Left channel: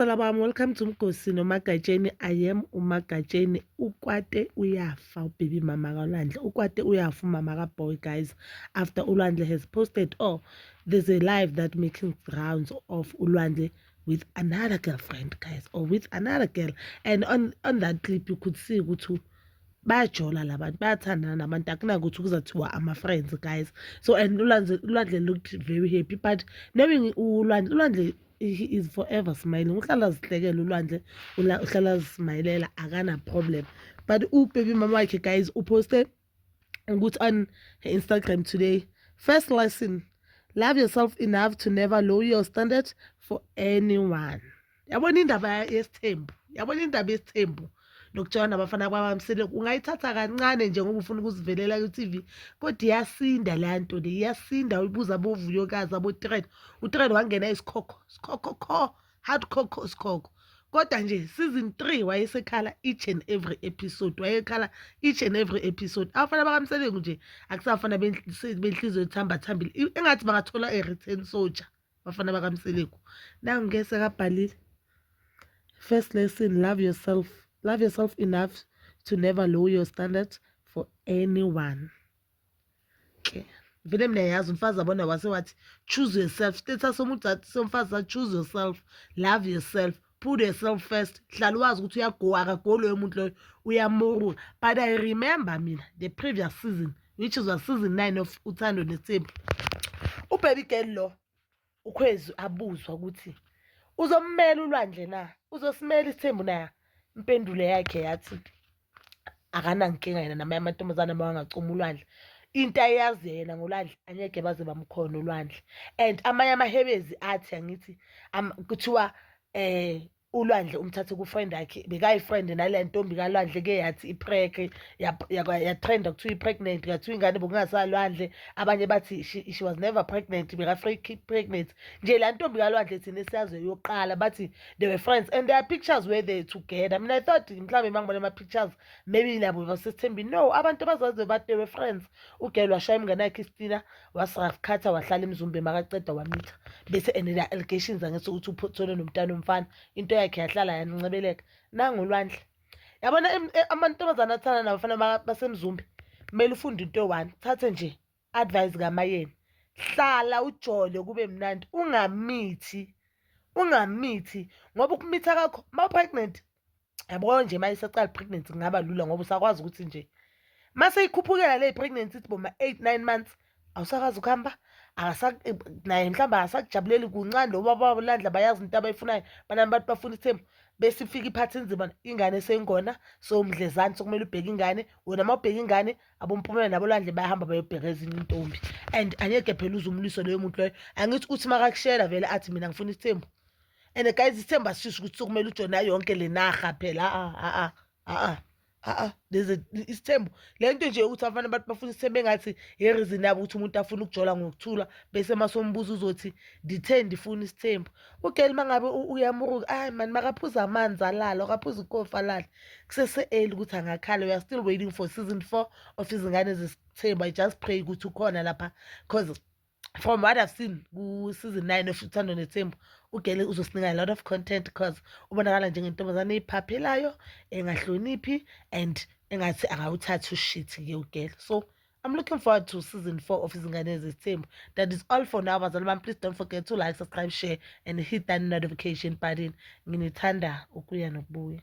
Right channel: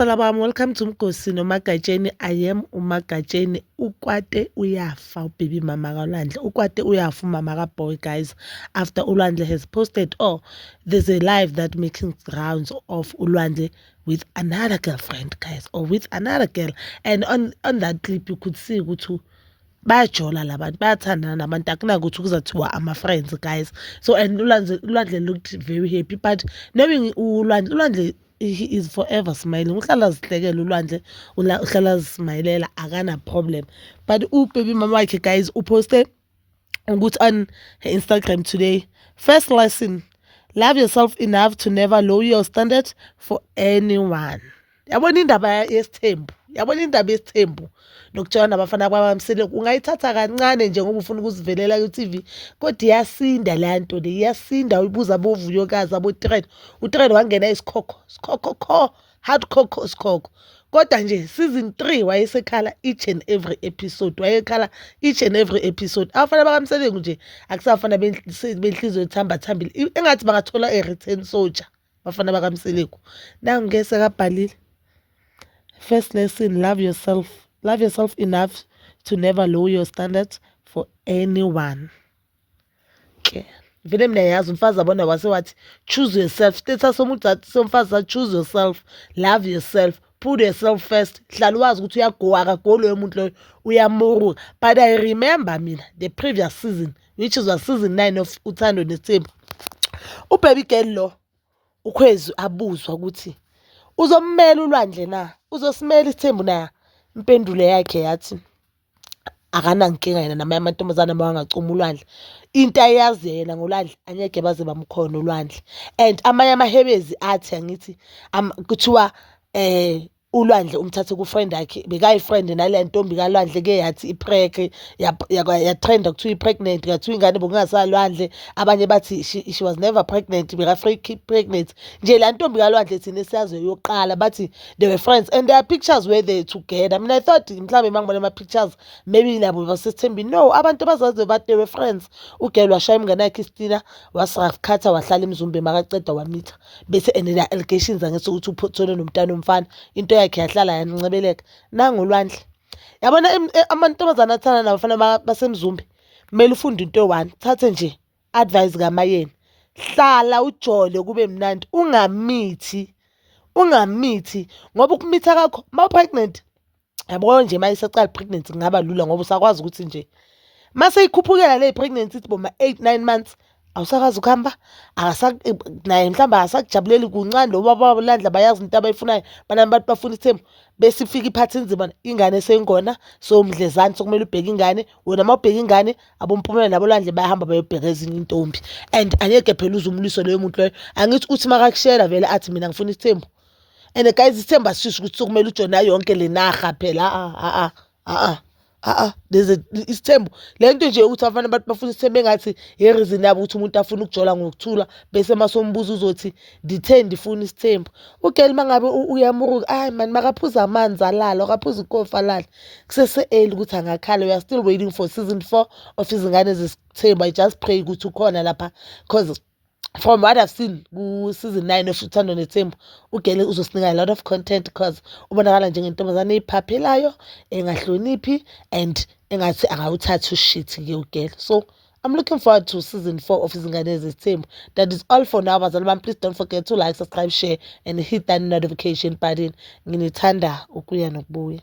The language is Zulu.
Bami, welcome to Mgosi noMagatsheni. I am uMagatsheni. Ukwate uyafa ubaby mama kaUlwandle. Ukwate uyafa umama kaBoy, guys. After uLwandle has posted, there's a live that making rounds of uLwandle with another girlfriend, guys, or with another girl. And on that clip you could see ukuthi bayajola labantu, bayathandana nabantu, akunakuthi kuzathiwa ama-friends, guys. So and uLwandle looked very happy, but knowing uLwandle he is forever smiling. Uhlala zihlekela uLwandle, uhlala zismayilela, akana problem. But ubaby mama wakhe, guys, uposte ukuthi on her Instagram today, first lesson, love yourself enough to never lower your standard for anyone. Yabona indaba yesithembu nokutshela nabafana kwabamsele ungayithatha kancane nje ngoba ufuna ukuzivelela ku-TV, kodwa iyasinda le nto le, iyasinda. Uyibuza abovuyokazi abo-Tren, uTren wangena isikhokho hardcore isikhokho, kodwa nje season 3 wayesekhala each and every episode, abafana bakamselengu nje akusafana benhliziyo ethambathambile, engathi bangathola a-return soldier bafana bakamselengu. Nangu ngese kabhalile, first lesson, love yourself enough to never lower your standards for anyone. Okay. Vele mina yazi umfazi abona wathi choose yourself. Status somuntu somfazi, choose yourself, love yourself, put yourself first. Hlala wazi ukuthi uyagowa akagolo yomuntu loyo, uyamuruka. But I remember mina the previous season, which was season 9 of Uthando Nethembu, ubaby girl lo ukhwezi abuzwa ukuthi uzommela uLwandle na, uzosimela isithembu na. Impendulo yakhe yathi akanankinga yena namanye amantombazane mawangacuma uLwandle, into ayazi yena ngoLwandle angeke baze bamkhona uLwandle. And amanye amahebezi athi angithi kuthiwa uLwandle umthathe ku-friend yakhe, bekayi-friend nale ntombi kaLwandle ke yathi iprek yatrenda kuthiwa i-pregnant, ngathiwa ingane bokungasalwandle, abanye bathi she was never pregnant, beka-fake pregnant. Nje la ntombi kaLwandle thina esiyazi yokuqala bathi they were friends and their pictures were there together. I mean, I thought mhlawumbe mangibona ama-pictures maybe nabo basesithembini. No, abantu bazazi bathi they were friends. Ugirl washaya umngane yakhe iStina, wasakhatha wahlala emzumbe makaceda wamitha, bese enela allegations angethi ukuthi uphothole nomntana omfana, into yakhe yahlala yancebeleka. Nangu uLwandle, yabona amantombazane athanda nabafana basemzumbe, kumele ufunde into one, thathe nje advice kaMayeni, hlala ujole kube mnandi, ungamithi ngoba ukumitha kakho ma-pregnant, yabo nje mayisacala pregnancy kungaba lula ngoba usakwazi ukuthi nje mase ikhuphukela le pregnancy ithi boma 8-9 months awusakwazi ukuhamba, naye mhlawumbe akasakujabuleli kuncane lo baba uLwandle bayazi into abayifunayo, banami bantu bafuna isithembu, bese ifika iphathi enzima, ingane esengona, so mdlezane sokumele ubheke ingane. Wena uma ubheka ingane, abomphumela nabo uLwandle bayahamba bayobheka ezinye intombi, and angeke phela uzumliso loyo muntu loyo. Angithi uthi makakushela vele athi mina ngifuna isithembu, and guys isithembu asisho ukuthi sokumele ujona yonke le narha phela. There's isithembu lento nje ukuthi abafana abantu bafuna isithembu engathi i-reason yabo ukuthi umuntu afuna ukujola ngokuthula, bese masombuza uzothi nditheni ndifuna isithembu. Ugirl mangabe uyamuruka, hayi man, makaphuza amanzi alala, akaphuza ikofi alala, kusese-early ukuthi angakhala. We are still waiting for season 4 of izingane zesithembu. I just pray ukuthi ukhona lapha, because from what I've seen ku-season 9 of Uthando Nethembu, ugirl uzosinika a lot of content because ubonakala njengentombazane eyiphaphelayo, engahloniphi, and engathi akawuthathi ushit-ke ugirl. So I'm looking forward to season 4 of izingane zesithembu. That is all for now, bazali bami. Please don't forget to like, subscribe, share and hit that notification button. Nginithanda ukuya nokubuya.